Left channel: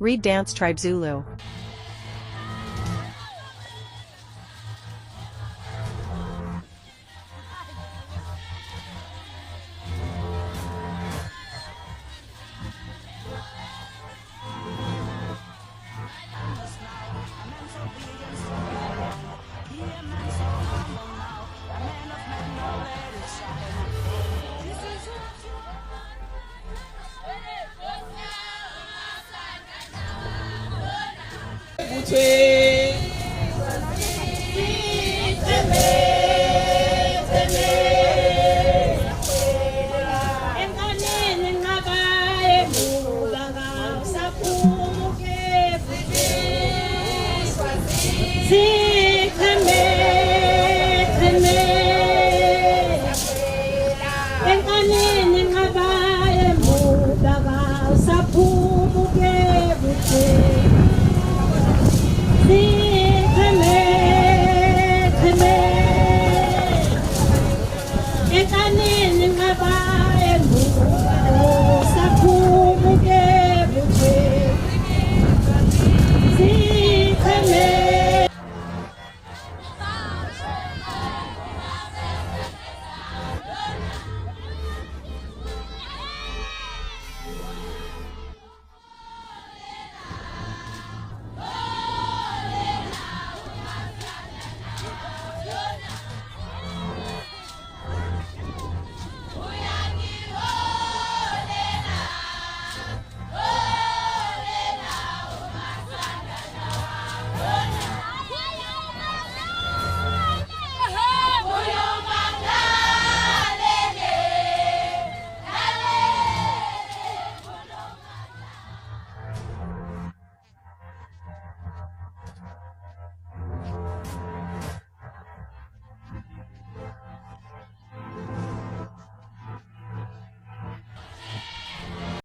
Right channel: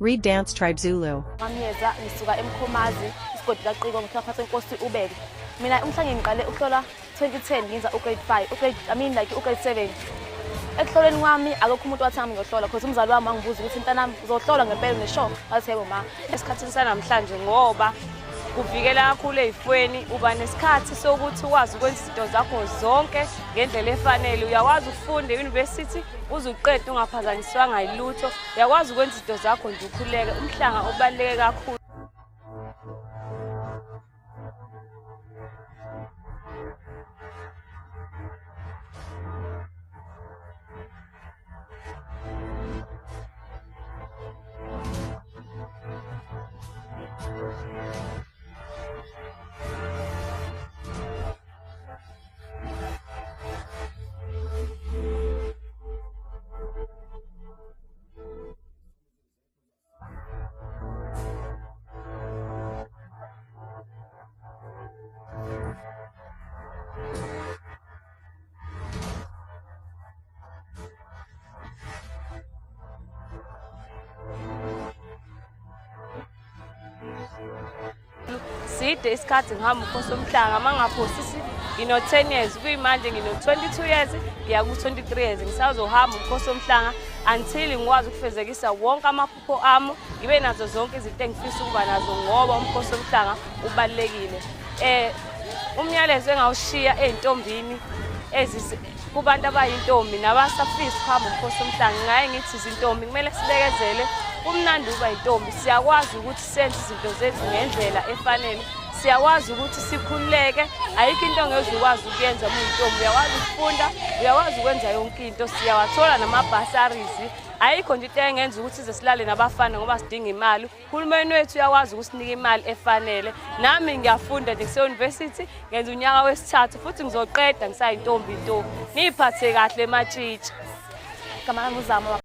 Read Dance Tribe Zulu. Ngamyeza ngisuka eMkhomazi isigodi kaQiko ngihlapha Nkosi uBele. Mina umhlanje ngiqale ukuhlola 2010 ngenza ugrade 5 ugrade 7. Ekuhloleni kwami akukho umuntu wathanga ngihlola because umzali wami angibuza ukuthi mntanami uzohlola ngempela ngisho wathi yebo ma. Esikhathini sanamhlanje ngoba kuvikela kakhulu ezifweni uba nesikhathi sokuthi ukwazi ukwenza izinto zakho zonke ngendlela efanele. Uyakwazi ukufunda e-university uzuqeda ungaphazanyiswanga yilutho. Uyakwazi ukwenza izinto zakho nje ukhuleke. Umhlanga ubaluleke kakhulu. Isikhathi ngihamba uMkhosi Womhlanga mangaphosisi ngino 10 years kuyimanje ngino 22 years ya ku 23 years ngisazohamba uMkhosi Womhlanga until ngikwazi ukufezekisa wonke amaphupho ami ngibe nazo zonke izinto engifisa ukuba nazo ngoba uMkhosi Womhlanga ubalekile. Umyalezo engawushiya ezintombini kubantu abayintombi nabasafisa ukuhamba uMkhosi Womhlanga ngaye ngithi izintombi kumele sibekezele umnandi uba intombi siyakwazi ukuthi senze izinto zethu ngendlela efanele. Siyakwazi ukuthi sikhululeke ayikho into ongeke ukwazi ukuyenza intombi uyakwazi ukufunda uyakwazi ukwenza yonke into siyawathola nama-bursaries ayikho nje into engenza ukuthi size silale nabafana ngoba sidinga imali. Uhulumeni wethu uyakwazi ukusinika imali efanele. Nami ngiyafunda nje kuse-university ngenza unyaka wesithathu futhi ngizoqeda ngisayintombi nto. Niphathe kahle matshitshi. Igama lami uZamo.